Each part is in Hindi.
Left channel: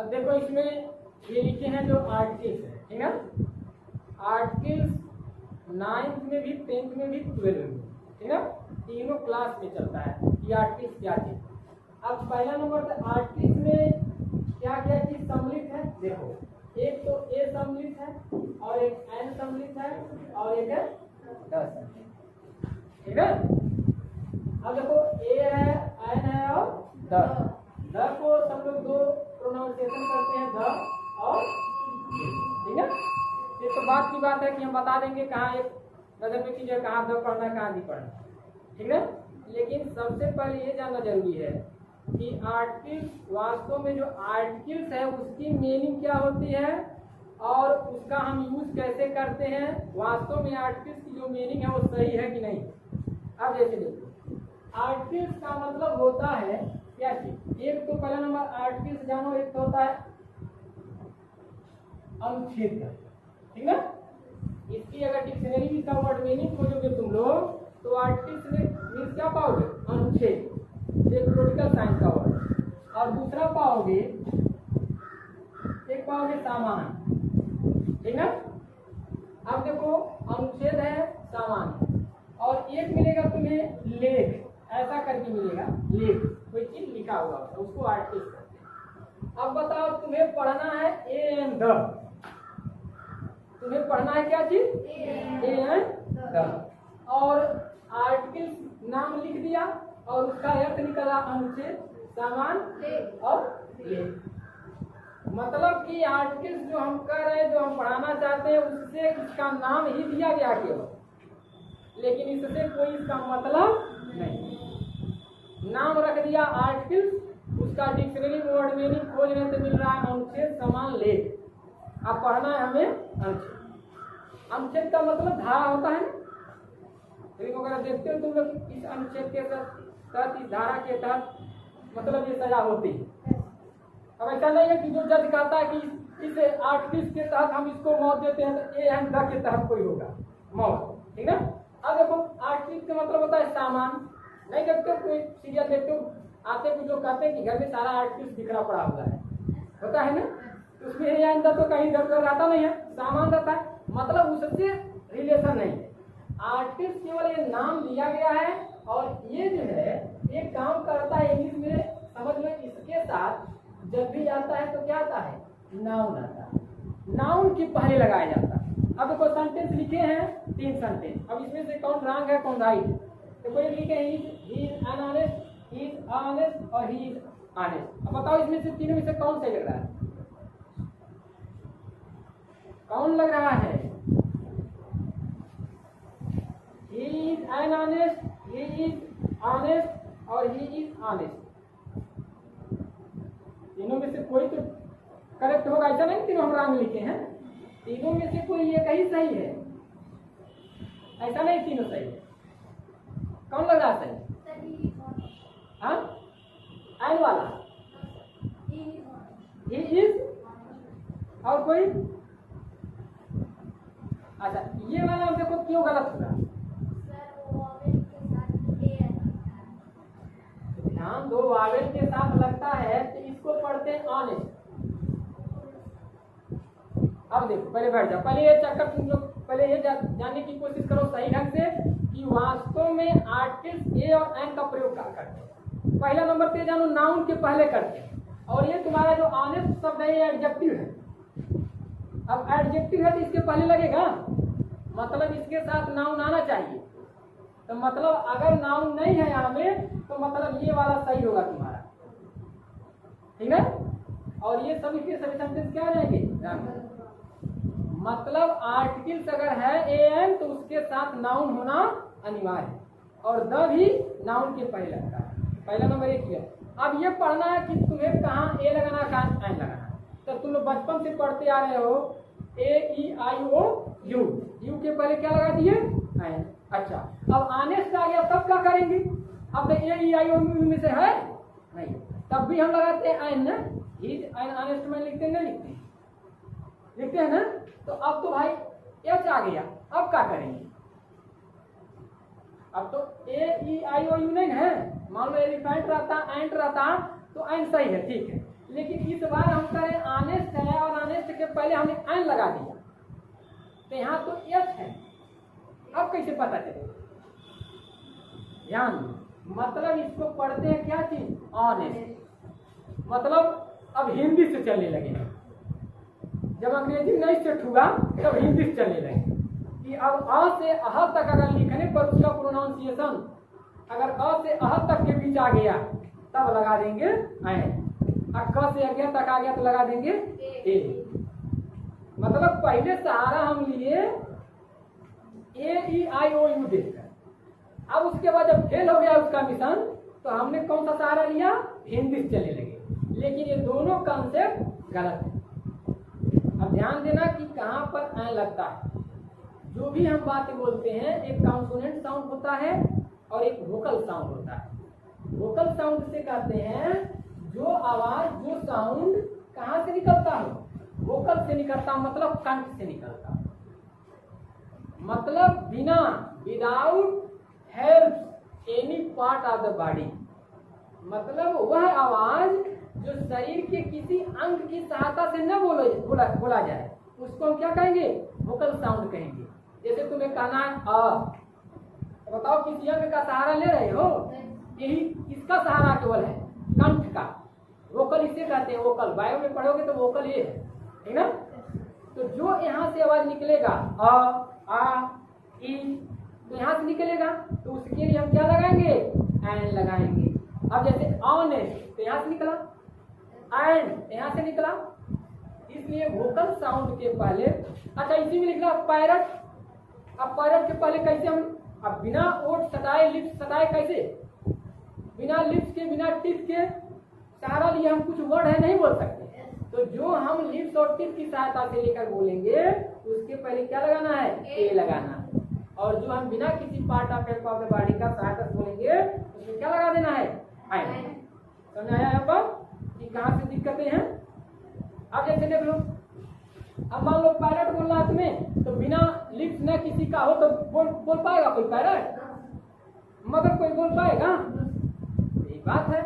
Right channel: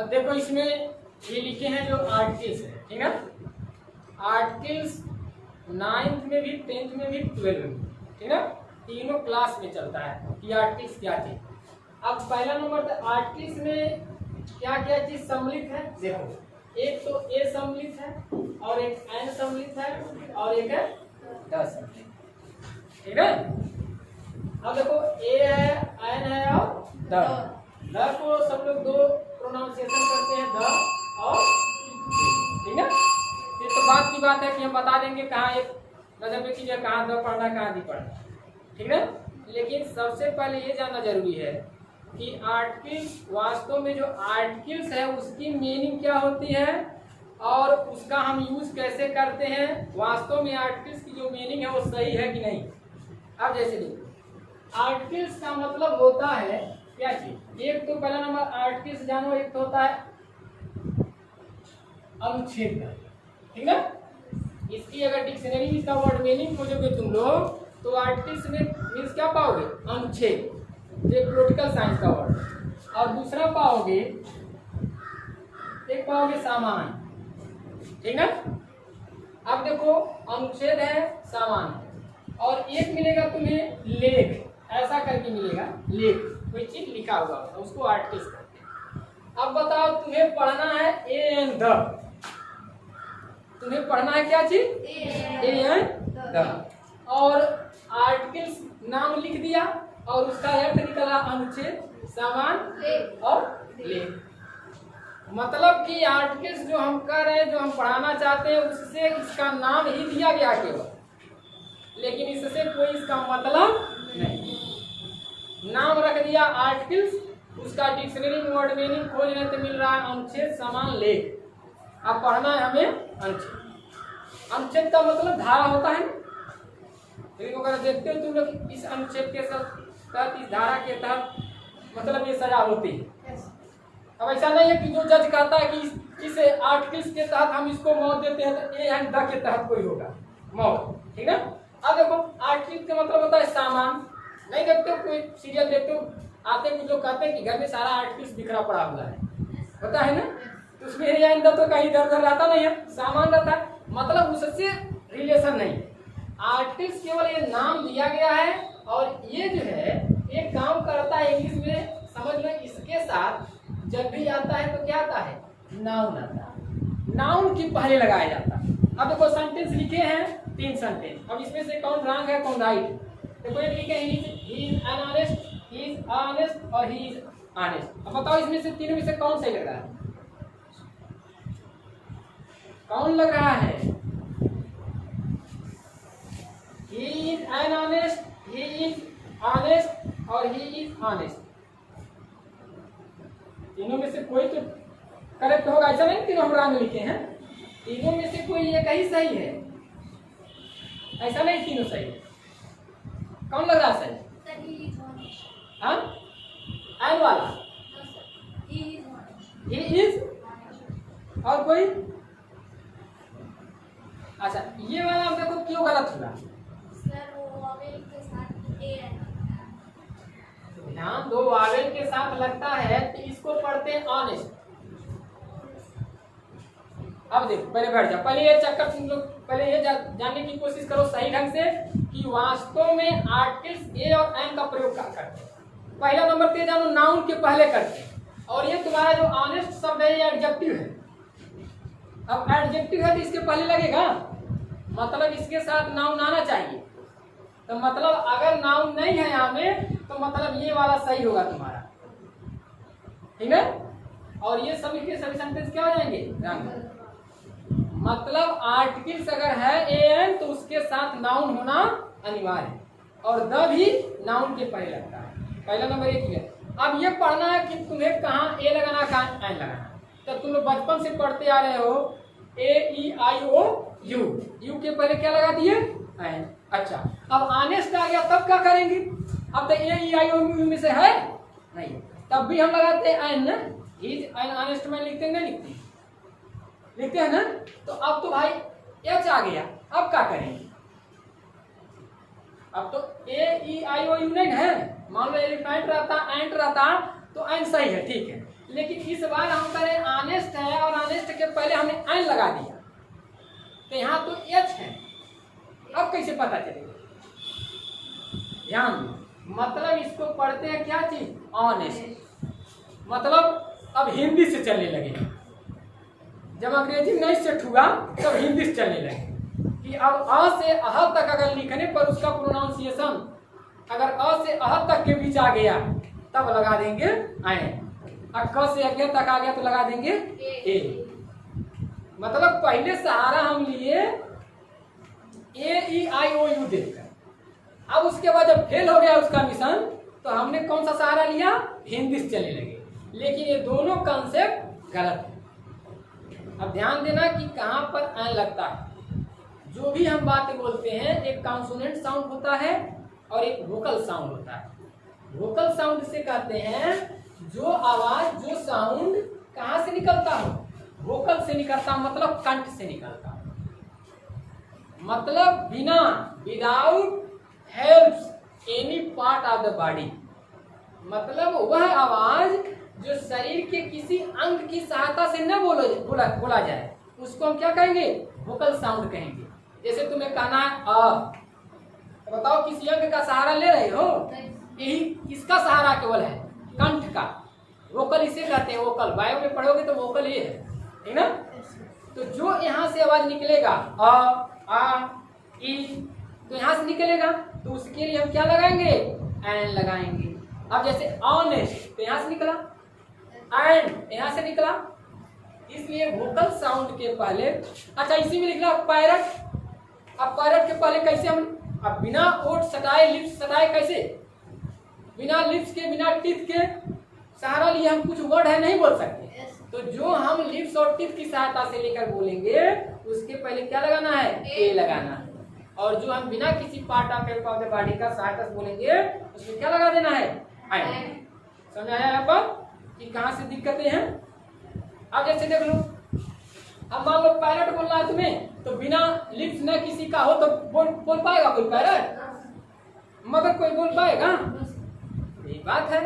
अब देखो इसमें ये लिखे हैं जो आर्टिकल्स है, ठीक है। आर्टिकल्स 9th में भी, 10th में भी, 12th में, ठीक है। तीनों क्लास में चलता है कि आर्टिकल्स क्या चीज। अब पहला नंबर तो आर्टिकल्स में क्या क्या चीज सम्मिलित है। देखो एक तो ए सम्मिलित है और एक एन सम्मिलित है और एक है द सम्मिलित, ठीक है। अब देखो ए है, एन है और द को सब लोग दो प्रोनाउंसिएशन करते हैं, द और, ठीक है। ये तो बात की बात है कि हम बता देंगे कहाँ एक नजर पे कीजिए कहाँ द पढ़ना है कहाँ दी पढ़ना है, ठीक है। लेकिन सबसे पहले ये जानना जरूरी है कि आर्टिकल्स वास्तव में जो आर्टिकल्स है उसकी मीनिंग क्या होती है और उसका हम यूज कैसे करते हैं। वास्तव में आर्टिकल्स की जो मीनिंग है वो सही है कि नहीं। अब जैसे देखो आर्टिकल्स का मतलब होता है क्या चीज। एक तो पहला नंबर आर्टिकल्स जानो, एक तो होता है अनुच्छेद, ठीक है। इसकी अगर डिक्शनरी इसका वर्ड मीनिंग खोजोगे तुम लोग तो आर्टिकल्स में मीन्स क्या पाओगे, अनुच्छेद, एक पॉलिटिकल साइंस का वर्ड। और दूसरा पाओगे, एक पाओगे सामान, ठीक है। अब देखो अनुच्छेद है, सामान, और एक मिलेगा तुम्हें लेख, ऐसा करके मिलेगा लेख, कोई चीज लिखा हुआ उसको आर्टिकल्स कहते हैं। अब बताओ तुम्हें पढ़ना है ए एंड द, तुम्हें पढ़ना है क्या चीज, ए एंड द, और आर्टिकल्स नाम लिख दिया और उसका अर्थ निकला अनुच्छेद, सामान और लेख। मतलब कि आर्टिकल्स जो हम कर रहे हैं, जो हम पढ़ाना चाहते हैं, उससे इसका नाम ही दिया गया केवल, लेकिन इससे कोई इसका मतलब नहीं। नाम रख दिया आर्टिकल्स, उसका डिक्शनरी में वर्ड मीनिंग खोज रहे तो मिल रहा है अनुच्छेद, सामान, लेख। अब पढ़ना है हमें अनुच्छेद। अनुच्छेद का मतलब धारा होता है ना, अगर देखते हो तुम लोग इस अनुच्छेद के तहत, इस धारा के तहत मतलब ये सजा होती है। अब ऐसा नहीं है कि जो जज कहता है कि इस आर्टिकल्स के तहत हम इसको मौत देते हैं तो ए एंड द के तहत कोई होगा मौत, ठीक है। अब देखो आर्टिकल का मतलब होता है सामान। नहीं देखते हो कोई सीरियल देखते हो, आते कुछ लोग कहते हैं कि घर में सारा आर्टिकल्स बिखरा पड़ा हुआ है, होता है ना, तो उसमें ए एंड द तो कहीं इधर उधर रहता नहीं है, सामान रहता है, मतलब उससे रिलेशन नहीं है। आर्टिकल्स केवल ये नाम दिया गया है और ये जो है ये काम करता है इंग्लिश में, समझ लो। इसके साथ जब भी आता है तो क्या आता है, नाउन आता है, नाउन की पहले लगाया जाता है। अब देखो सेंटेंस लिखे हैं 3 सेंटेंस, अब इसमें से कौन रॉन्ग है कौन राइट। देखो एक लिखे he is an honest, he is honest और ही इज ऑनेस्ट। अब बताओ इसमें से तीनों में से कौन सही लग रहा है, कौन लग रहा है। He is honest, he is honest और he is honest। तीनों में से कोई तो करेक्ट होगा, ऐसा नहीं तीनों हम रॉन्ग लिखे हैं, तीनों में से कोई एक ही सही है, ऐसा नहीं तीनों सही है। कौन लग रहा सही, हाँ एन वाला, he is और कोई, अच्छा ये वाला हम देखो क्यों गलत हुआ। ध्यान दो, वावेल के साथ लगता है तो इसको पढ़ते हैं ऑनेस्ट। अब देखो पहले बैठ जाओ, पहले ये चक्कर तुम लोग पहले ये जानने की कोशिश करो सही ढंग से कि वास्तव में आर्टिकल्स ए और एन का प्रयोग क्या करते हैं। पहला नंबर पे जानो नाउन के पहले करते हैं, और ये तुम्हारा जो ऑनेस्ट शब्द है ये एडजेक्टिव है। अब एडजेक्टिव है तो इसके पहले लगेगा, मतलब इसके साथ नाउन आना चाहिए। तो मतलब अगर नाउन नहीं है यहाँ में तो मतलब ये वाला सही होगा तुम्हारा, ठीक है। और ये सभी के सभी सेंटेंस क्या हो जाएंगे, मतलब आर्टिकल्स अगर है ए एन तो उसके साथ नाउन होना अनिवार्य है, और द भी नाउन के पहले लगता है। पहला नंबर एक है। अब ये पढ़ना है कि तुम्हें कहाँ ए लगाना कहाँ एन लगाना। तो तुम लोग बचपन से पढ़ते आ रहे हो ए ई आई ओ यू, यू के पहले क्या लगा दिए, एन। अच्छा अब ऑनेस्ट आ गया तब क्या करेंगे, अब तो ए ई आई ओ यू में से है नहीं, तब भी हम लगाते हैं एन ना, इज एन ऑनेस्ट में लिखते हैं, नहीं लिखते, लिखते हैं ना। तो अब तो भाई एच आ गया, अब क्या करेंगे, अब तो ए ई आई ओ यू नहीं है, मान लो एलिफेंट रहता एंट रहता तो एन सही है, ठीक है। लेकिन इस बार हम करें ऑनेस्ट है और ऑनेस्ट के पहले हमने एन लगा दिया, तो यहाँ तो एच है। अब कैसे पता चलेगा? ध्यान दो, मतलब इसको पढ़ते हैं क्या चीज? ऑनेस्ट। मतलब अब हिंदी से चलने लगेगा। जब अंग्रेजी नहीं सेट हुआ तब हिंदी से चलने लगे कि अब अ से अह तक अगर लिखने पर उसका प्रोनाउंसिएशन अगर अ से अह तक के बीच आ गया तब लगा देंगे ऐन, और क से अज्ञा तक आ गया तो लगा देंगे ए। मतलब पहले सहारा हम लिए ए ई आई ओ यू देखकर, अब उसके बाद जब फेल हो गया उसका मिशन तो हमने कौन सा सहारा लिया? हिंदी से चलने लगे। लेकिन ये दोनों कॉन्सेप्ट गलत है। अब ध्यान देना कि कहाँ पर एन लगता है। जो भी हम बातें बोलते हैं एक कॉन्सोनेंट साउंड होता है और एक वोकल साउंड होता है। वोकल साउंड से कहते हैं जो आवाज जो साउंड कहाँ से निकलता हो? वोकल से निकलता, मतलब कंठ से निकलता, मतलब बिना without helps any part of the body. मतलब वह आवाज जो शरीर के किसी अंग की सहायता से न बोला जाए उसको हम क्या कहेंगे? वोकल साउंड कहेंगे। जैसे तुम्हें कहना है तो बताओ किसी अंग का सहारा ले रहे हो? यही किसका सहारा केवल है? कंठ का। वोकल इसे कहते हैं वोकल। बायो में पढ़ोगे तो वोकल ये है, ठीक ना? तो जो यहाँ से आवाज निकलेगा अ आ ई, तो यहाँ से निकलेगा तो उसके लिए हम क्या लगाएंगे? एन लगाएंगे। अब जैसे ऑनेस्ट तो यहाँ से निकला, एंड यहाँ से निकला, इसलिए वोकल साउंड के पहले, अच्छा इसी में लिखना पैरट। अब पैरट के पहले कैसे हम, अब बिना ओठ सटाए लिप्स सटाए कैसे? बिना लिप्स के बिना टीथ के सहारा लिए हम कुछ वर्ड है नहीं बोल सकते। तो जो हम लिप्स और टीथ की सहायता से लेकर बोलेंगे उसके पहले क्या लगाना है? ए लगाना है। और जो हम बिना किसी part of help of the body का सहायता से बोलेंगे उसमें क्या लगा देना है? आई। समझ आया यहाँ पर कि कहाँ से दिक्कतें हैं? अब जैसे देख लो, अब मान लो पैरट बोलना है तुम्हें, तो बिना लिप्स न किसी का हो तो बोल पाएगा कोई पैरट? मगर कोई बोल पाएगा? यही बात है।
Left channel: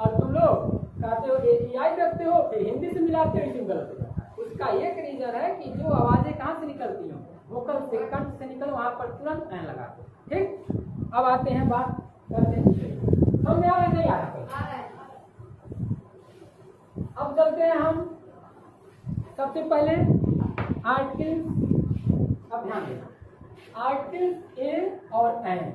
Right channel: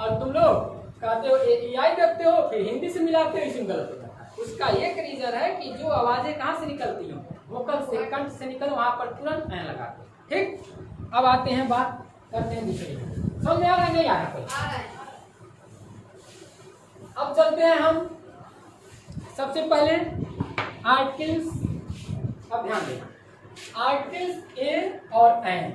और तुम लोग कहते हो AI देखते हो फिर हिंदी से मिलाते हो, इसमें गलत हो जाता है। उसका एक रीजन है कि जो आवाजें कहाँ से निकलती हो? वोकल से, कंठ से निकल, वहां पर तुरंत एन लगाते हो। ठीक, अब आते हैं बात करते हैं दूसरे। समझ में आ रहा है नहीं आ रहा कोई? अब चलते हैं हम सबसे पहले आर्टिकल्स। अब ध्यान देना, आर्टिकल्स ए और एन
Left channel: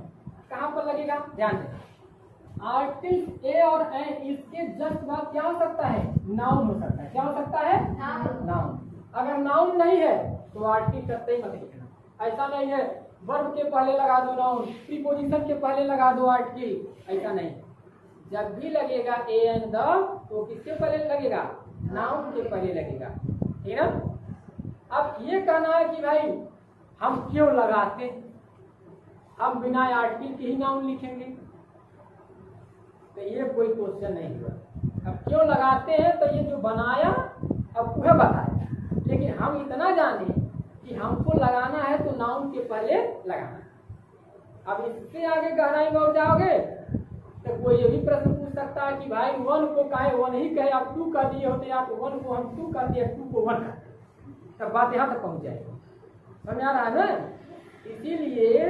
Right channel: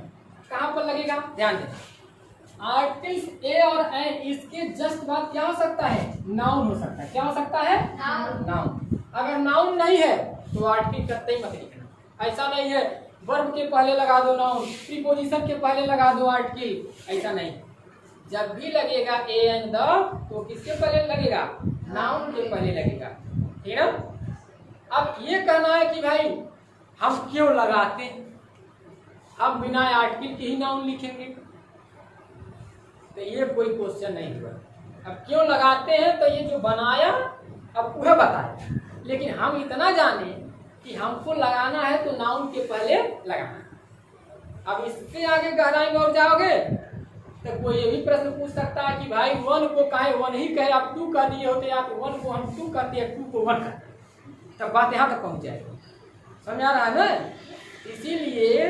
कहाँ पर लगेगा? ध्यान देना, आर्टिकल्स ए और एन इसके जस्ट बाद क्या हो सकता है? नाउन हो सकता है। क्या हो सकता है? नाउन। अगर नाउन नहीं है तो आर्टिकल करते ही मत लिखना। ऐसा नहीं है वर्ब के पहले लगा दो नाउन, प्रीपोजिशन के पहले लगा दो आर्टिकल, ऐसा नहीं। जब भी लगेगा ए एन द तो किसके पहले लगेगा? नाउन के पहले लगेगा, ठीक ना? अब ये कहना है कि भाई हम क्यों लगाते, हम बिना आर्टिकल के ही नाउन लिखेंगे, तो ये कोई क्वेश्चन नहीं हुआ। अब क्यों लगाते हैं तो ये जो बनाया अब वह बताया, लेकिन हम इतना जाने कि हमको लगाना है तो नाउन के पहले लगाना है। अब इससे आगे गहराई में और जाओगे तो कोई ये भी प्रश्न पूछ सकता है कि भाई वन को काहे वन ही कहे, आप टू कर दिए होते, या तो वन को हम टू कर दिए, टू को वन कर, तब बात यहाँ तक पहुँच जाएगी। समझ आ रहा है ना? इसीलिए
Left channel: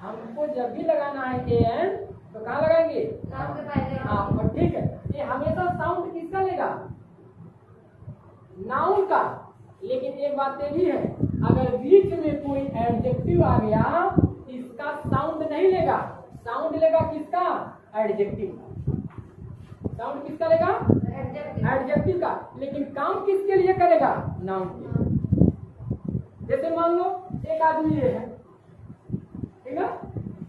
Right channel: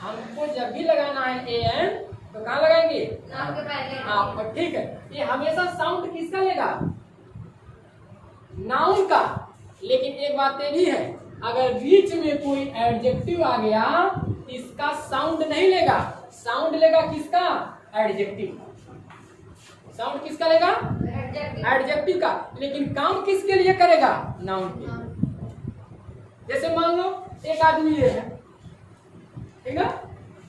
हमको जब भी लगाना है ए एन तो कहाँ लगाएंगे? नाउन के पहले। हाँ, ठीक है। ये हमेशा साउंड किसका लेगा? नाउन का। लेकिन एक बात ये भी है, अगर बीच में कोई एडजेक्टिव आ गया इसका साउंड नहीं लेगा, साउंड लेगा किसका? एडजेक्टिव का। साउंड किसका लेगा? एडजेक्टिव का। लेकिन काम किसके लिए करेगा? नाउन के। जैसे मान लो एक आदमी ये है, ठीक ना,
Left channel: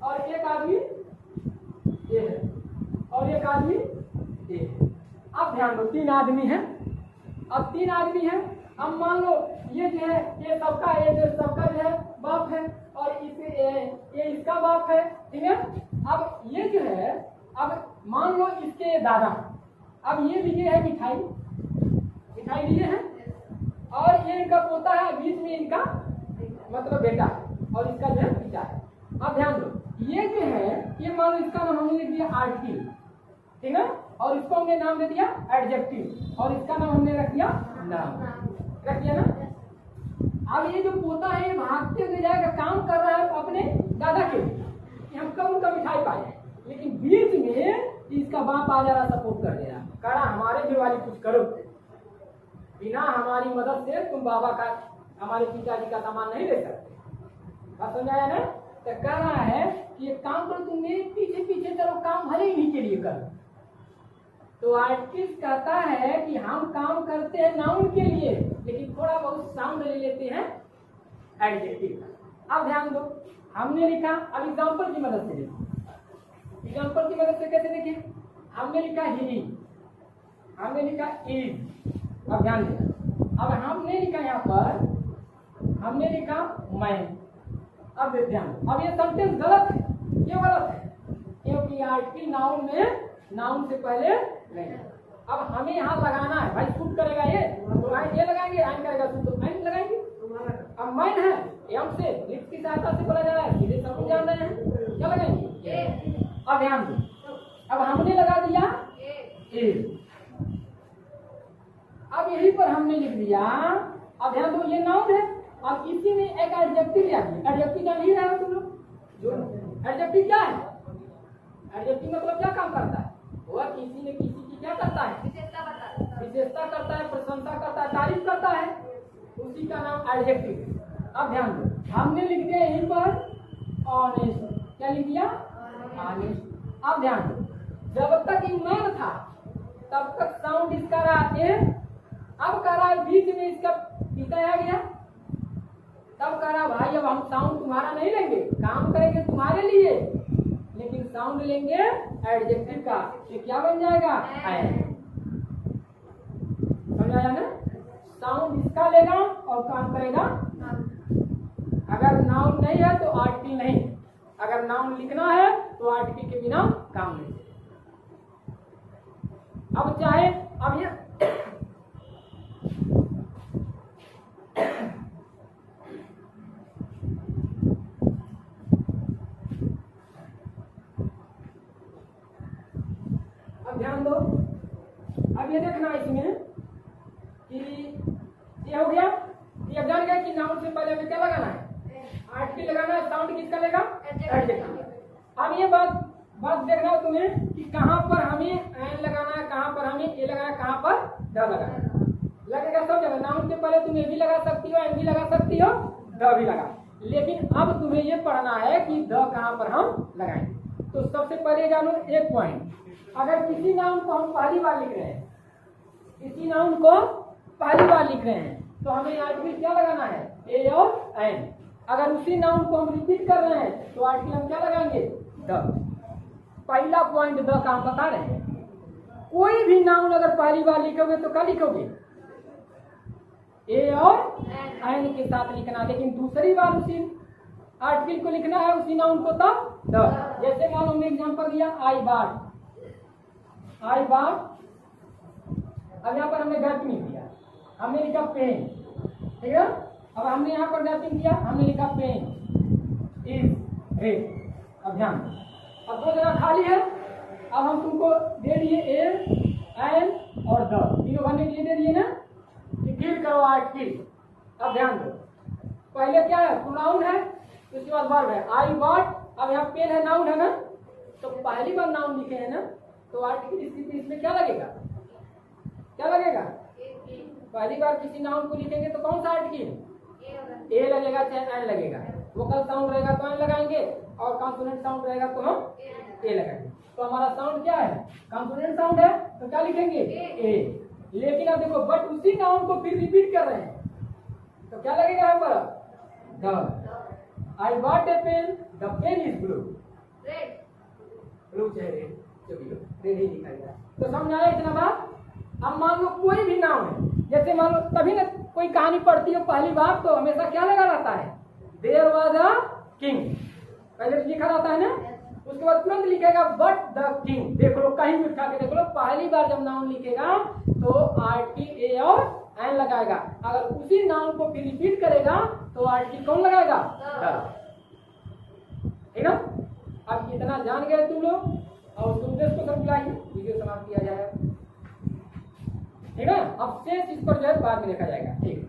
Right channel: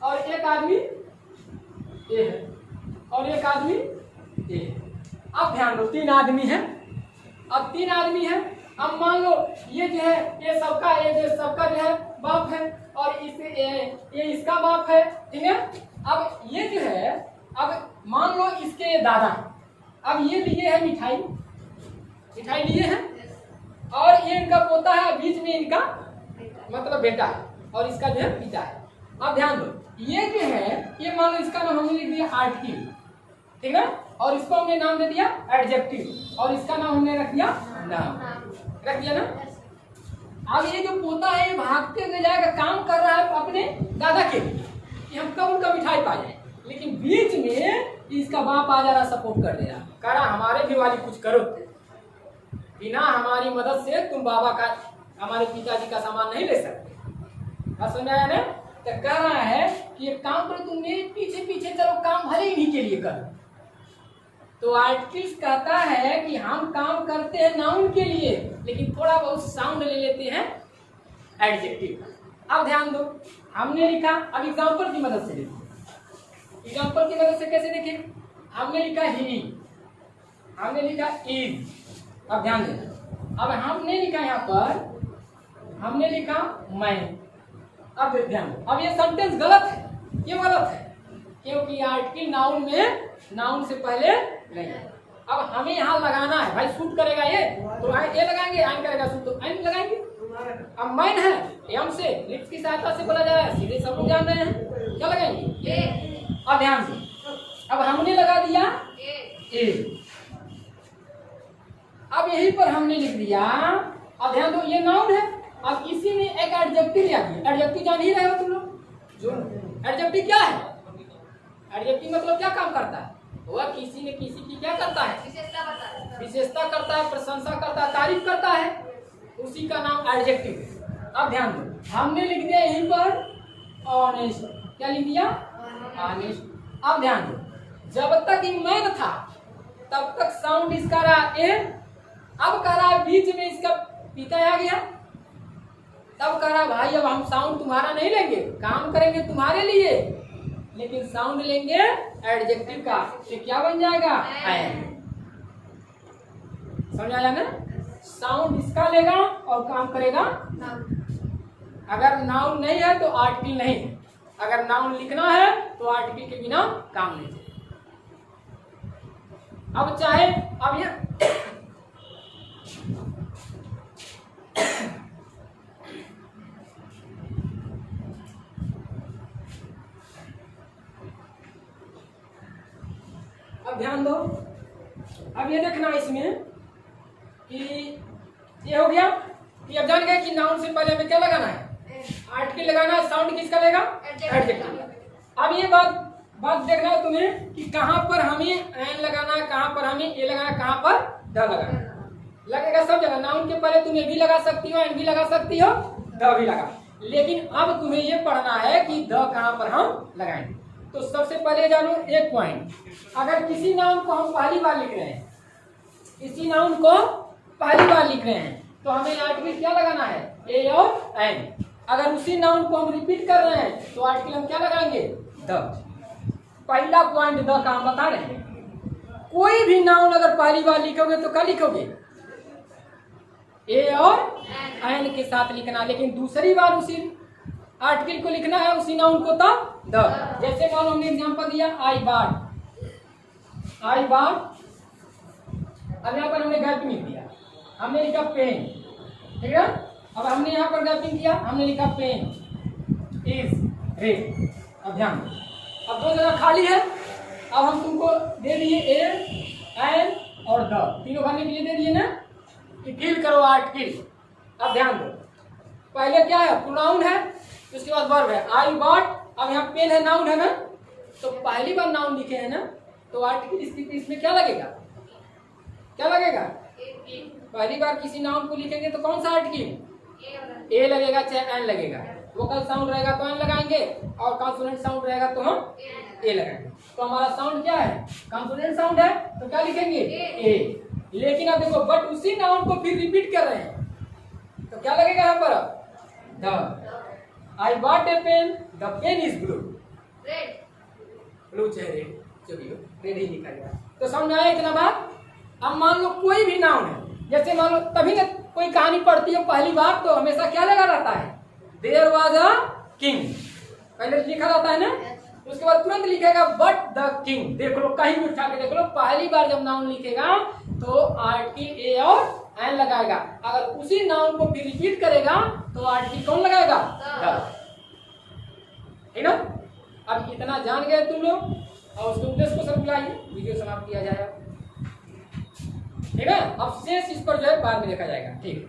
और एक आदमी ये है और एक आदमी ये है। अब ध्यान दो, तीन आदमी हैं। अब तीन आदमी हैं, अब मान लो ये जो है ये सबका, ये जो सबका जो है बाप है और ये इसका बाप है, ठीक है। अब ये जो है, अब मान लो इसके दादा, अब ये लिए है मिठाई, मिठाई लिए हैं और ये इनका पोता है, बीच में इनका मतलब बेटा है और इसका जो है पिता है। अब ध्यान दो, ये जो है ये मान लो इसका नाम हमने लिख दिया आर्टिकल, ठीक है। और इसको हमने नाम दे दिया एडजेक्टिव, और इसका नाम हमने रख दिया नाम, रख दिया ना। अब ये जो पोता है ये भागते हुए जाएगा, काम कर रहा है अपने दादा के लिए कि हम कब उनका मिठाई पाए, लेकिन बीच में इसका बाप आ जा रहा, सपोर्ट कर दे रहा, कह रहा हमारे भी वाली कुछ करो, बिना हमारी मदद से तुम बाबा का, हमारे पिताजी का सामान नहीं ले सकते। बात समझ आया ना। तो कह रहा है कि एक काम करो, तुम मेरे पीछे पीछे चलो, काम भले इन्हीं के लिए करो। तो आर्टिकल्स कहता है कि हम काम करते हैं नाउन के लिए, लेकिन थोड़ा बहुत साउंड ले लेते हैं एडजेक्टिव। अब ध्यान दो, हमने लिखा, अब एग्जांपल की मदद से देखिए, एग्जांपल की मदद से कैसे देखिए। हमने लिखा ही, हमने लिखा इज। अब ध्यान देना, अब हमने लिखा यहाँ पर, हमने लिखा मैं। अब ध्यान, अब ये सेंटेंस गलत है, ये गलत है, क्योंकि आर्टिकल नाउन में, नाउन से पहले नहीं। अब हमें यहाँ लगाना है, भाई शूट करेगा ये तो ये लगाएंगे, आइन करेगा शूट तो आइन लगाएंगे। अब मैन है, एम से लिप्स की सहायता से बोला जा रहा है, सीधे सब लोग जान रहे हैं, क्या लगाएंगे ए। अब ध्यान से, अब हमने लगा दिया ए, अब यहीं पर हमने लिख दिया। अब ध्यान दो, ये नाउन है, अब इसी में एक एडजेक्टिव लिया गया। एडजेक्टिव जान ही रहे हो तुम लोग, जो एडजेक्टिव क्या है, एडजेक्टिव मतलब क्या काम करता है, वह किसी न किसी की क्या करता है, विशेषता करता है, प्रशंसा करता है, तारीफ करता है, उसी का नाम एडजेक्टिव। अब ध्यान दो, हमने लिख दिया यहीं पर ऑनेस्ट, क्या लिख दिया ऑनेस्ट। अब ध्यान दो, जब तक मैन था तब तक साउंड इसका रहा ए, अब कह रहा है बीच में इसका पिता आ गया, तब कह रहा भाई अब हम साउंड तुम्हारा नहीं लेंगे, काम करेंगे तुम्हारे लिए, लेकिन साउंड लेंगे एडजेक्टिव का, तो क्या बन जाएगा एन। समझ आया ना, साउंड इसका लेगा और काम करेगा। अगर नाउन नहीं है तो आर्टिकल नहीं, अगर नाउन लिखना है तो आर्टिकल के बिना काम नहीं। अब चाहे, अब ये अब ध्यान दो, अब ये देखना इसमें कि ये हो गया कि अब जान गए कि नाउन से पहले हमें क्या लगाना है, आर्टिकल लगाना है, साउंड किसका लेगा एडजेक्टिव। अब ये बात देखना है तुम्हें कि कहाँ पर हमें एन लगाना है, कहाँ पर हमें ए लगाना है, कहाँ पर द लगाना है। लगेगा सब जगह, नाउन के पहले तुम ए भी लगा सकती हो, एन भी लगा सकती हो, द भी लगा, लेकिन अब तुम्हें ये पढ़ना है कि द कहाँ पर हम लगाएंगे। तो सबसे पहले जानो एक पॉइंट, अगर किसी नाउन को हम पहली बार लिख रहे हैं, किसी नाउन को पहली बार लिख रहे हैं, तो हमें आर्टिकल क्या लगाना है, ए और एन। अगर उसी नाउन को हम रिपीट कर रहे हैं तो आर्टिकल हम क्या लगाएंगे, द। पहला पॉइंट द का हम बता रहे हैं। कोई भी नाउन अगर पहली बार लिखोगे तो क्या लिखोगे, ए और एन के साथ लिखना, लेकिन दूसरी बार उसी आर्टिकल को लिखना है, उसी नाउन को तो द। जैसे मान हमने एग्जांपल दिया आई बार, आई बार, अब यहाँ पर हमने गैपिंग दिया, हमने लिखा पेन, ठीक है। अब हमने यहाँ पर गैपिंग किया, हमने लिखा पेन इज रेड। अब ध्यान, अब दो जगह खाली है, अब हम तुमको दे दिए ए एन और द, तीनों भरने के लिए दे दिए ना, कि फिल करो आर्टिकल। अब ध्यान दो, पहले क्या है, प्रोनाउन है, उसके बाद वर्ब है, आई बॉट। अब यहाँ पेन है, नाउन है ना, तो पहली बार नाउन लिखे हैं ना, तो आर्टिकल इसमें क्या लगेगा, क्या लगेगा, पहली बार किसी नाउन को लिखेंगे तो कौन सा आर्टिकल, ए लगेगा चाहे एन लगेगा। वोकल साउंड रहेगा तो एन लगाएंगे, और कॉन्सोनेंट साउंड रहेगा तो हम ए लगाएंगे। तो हमारा साउंड क्या है, कॉन्सोनेंट साउंड है, तो क्या लिखेंगे ए। लेकिन अब देखो, बट उसी नाउन को फिर रिपीट कर रहे हैं, तो क्या लगेगा यहाँ पर, the. I bought a pen, the pen is blue, red, blue चाहे रेड, जो भी हो, रेड ही लिखा गया। तो समझ में आया इतना बात। अब मान लो कोई भी नाउन है, जैसे मान लो तभी ना कोई कहानी पढ़ती हो पहली बार तो हमेशा क्या लगा रहता है, देयर वाज अ किंग, पहले लिखा रहता है ना, उसके बाद तुरंत लिखेगा बट द किंग। देख लो, कहीं भी उठा के देख लो, पहली बार जब नाउन लिखेगा तो आर्टिकल ए और एन लगाएगा, अगर उसी नाउन को फिर रिपीट करेगा तो आर्टिकल कौन लगाएगा, द, ठीक ना। अब इतना जान गए तुम लोग और उसके उद्देश्य को सर बुलाइए, वीडियो समाप्त किया जाएगा। ठीक है, अब शेष इस पर जो है बाद में देखा जाएगा। ठीक।